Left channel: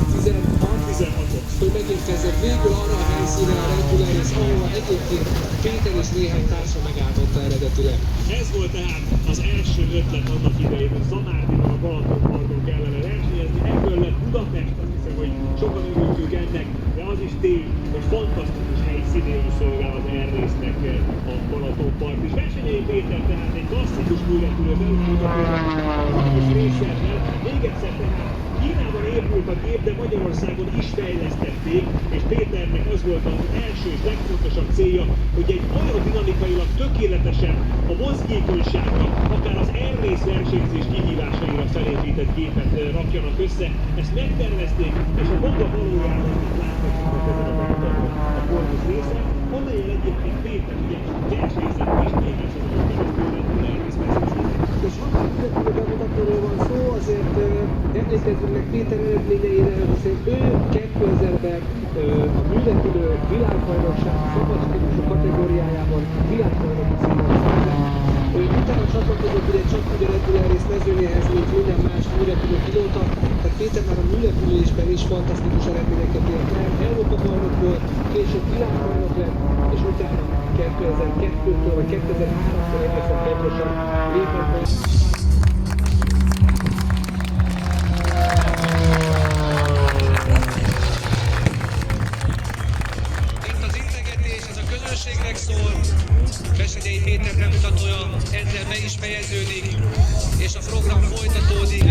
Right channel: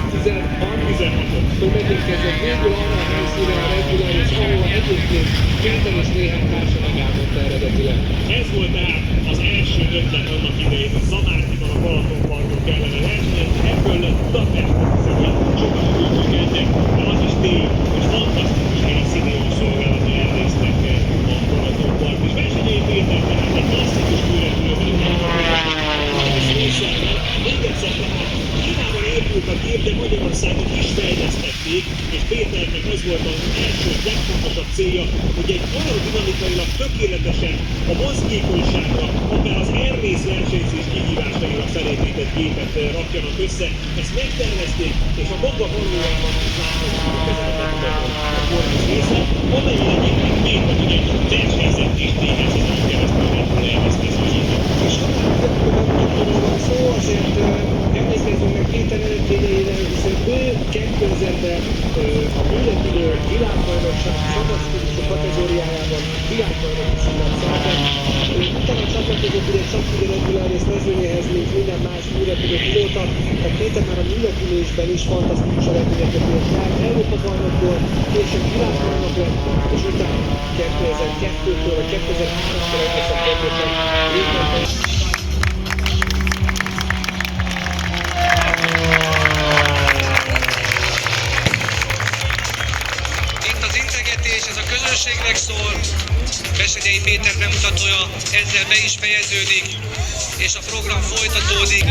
2016-tól megérkezett végül arra a helyszíne a Red Bull Race, ahol egyébként Péter és néhány társa megálltotta eredetileg. Ez volt tehát az első ötlet annak idején, hogy Zamárdiban a Balatonparton kellene versenyezni, ebből lett Budapest. Sokan örültünk ennek, de az is tény, hogy fantasztikus helyszínél szolgálata elnéztek a Balatonpart. És Versenyei Péter tehát egy klasszikus kőrepülőben, még egyszer Kínában épült a gép, de Magyarországon is fejlesztették, és Péternek az volt az első, legfontosabb célja, hogy egy aerodinamikailag tökéletesen a mozgékonyságra, akár az air-race versenyzés kihívásaira felépített gépet rakjanak össze. Ezt megtervezték, és a maga valójában része, amelyen egyébként Péter ugye versenyzett és néhány szezonon keresztül elvesz mezőnyét. És arról van szó, azért emlékezzünk meg Péter eredményeire, hiszen ő 2000-ben mindenkülő világbajnokság fantasztikusok kategóriájában világbajnoki címet szerzett. Utána csatlakozott ugye csak a Red Bull Race mezőnyéhez, mint minden más újrepülő pilóta. Tehát Péter már a műlepülésben is fantasztikus eredményeket ért el. Európa bajnok volt, később világbajnok lett, és utána 2002-től 2003-tól egészen pontosan létezett. Közönségnek szól, Versenyei Péter bemutatója ezzel be is fejeződik, és a program folytatódik.